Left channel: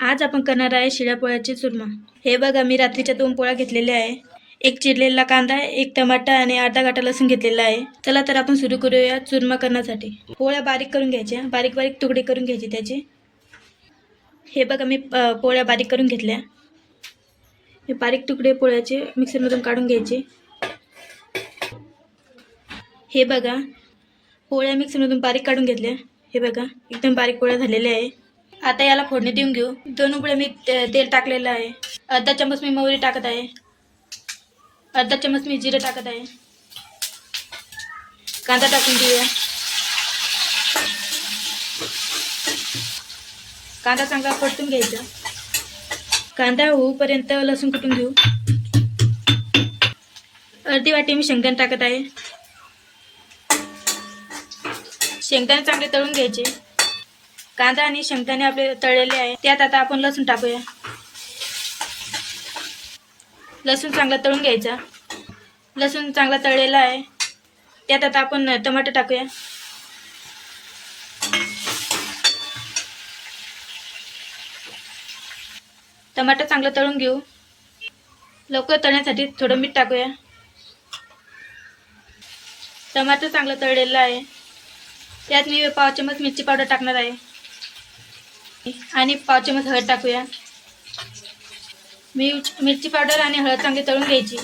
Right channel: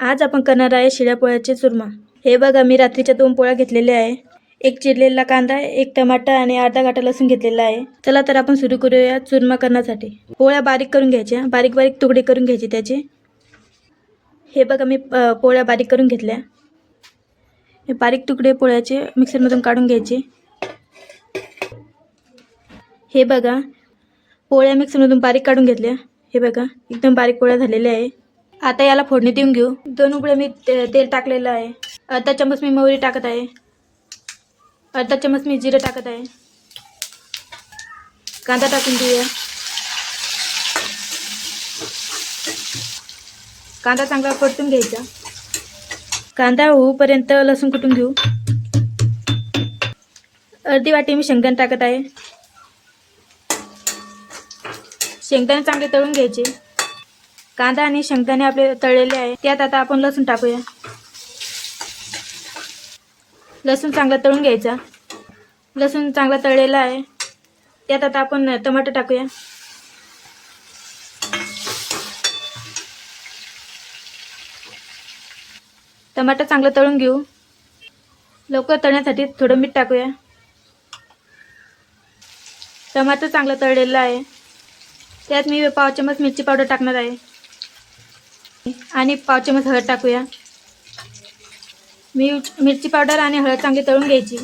आज आपण करणार आहे शिळ्या पोळ्याचे चुरमा. हे बघा मी रात्रीच्या दोन पोळ्या घेतलेल्या आहे. एक चिरलेला कांदा एक टमाटा आणि अर्धा गाठा लसूण घेतलेला आहे. चला तर आपण सुरू करूया चुरमा करण्यासाठी. पोळ्या बारीक करून घ्यायच्या. बारीक बारीक तुकडे करून घ्यायचे त्याचे. हे बघा मी पोळ्या बारीक करून घेतल्या. हे बारीक तुकडे पोळ्याचे मिक्सरमधून काढून घ्यायचे. हे बघा पोळ्या मिक्सरमधून बारीक काढून घेतल्या. हे बघा एकदम बारीक पोळ्या झालेल्या आहे. आता याला फोडणी देऊन घेऊ. दोन उकळे मी ते- तेल टाकलेलं आहे. अर्धा चमच मी मोहरी टाकत आहे. अर्धा चमच मी जिरं टाकत आहे. कांदा टाकून घेऊया. कांदा चांगला परतून घ्यायचा. कांदा होऊपर्यंत लसूण कुटून घेऊ. अर्धी वाटी मी शेंगदाणे टाकत आहे. शेंगदाणे चांगले तळून घ्यायचे. कांदा आणि शेंगदाणे आपले तळलेले आहे. त्यात आता आपण लसूण टाकूया. लसूण चांगला तळून घ्यायचा. लसूण चांगला तळलेला आहे. त्यात आता आपण टमाटर टाकूया. टमाटर चांगलं तळून घेऊ. लवकर तळण्यासाठी थोडं मीठ टाकूया. टमाटर चांगलं तळलेलं आहे. त्यात मी पाव चमच मिरची पावडर टाकणार आहे. आणि पाव चमच हळद टाकूया. मी मिरची पावडर आणि हळद चांगली तळून घ्यायची.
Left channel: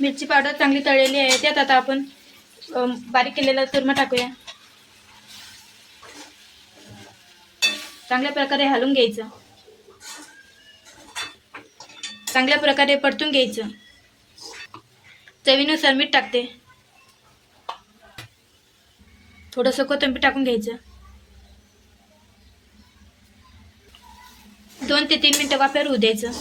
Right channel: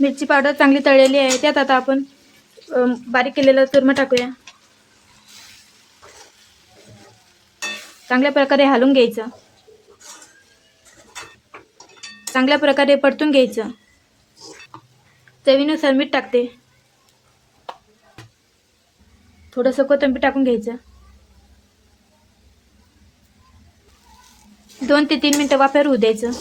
मिरची पावडर चांगली तळलेली आहे त्यात आता आपण बारीक केलेलं चुरमा टाकूया. चांगल्या प्रकारे हलवून घ्यायचं. चांगल्या प्रकारे परतून घ्यायचं. चवीनुसार मीठ टाकते. थोडंसं कोथिंबीर टाकून घ्यायचं. दोन ते तीन मिनटं वाफेवर होऊ द्यायचं.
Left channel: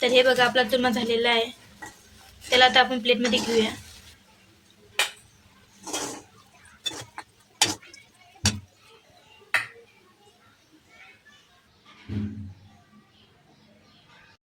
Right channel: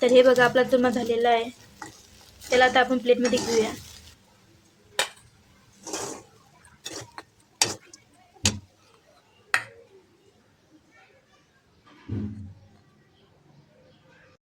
तर हे बघा आपला चुरमा झालेला आहे. त्याला आता आपण प्लेटमध्ये घेऊया.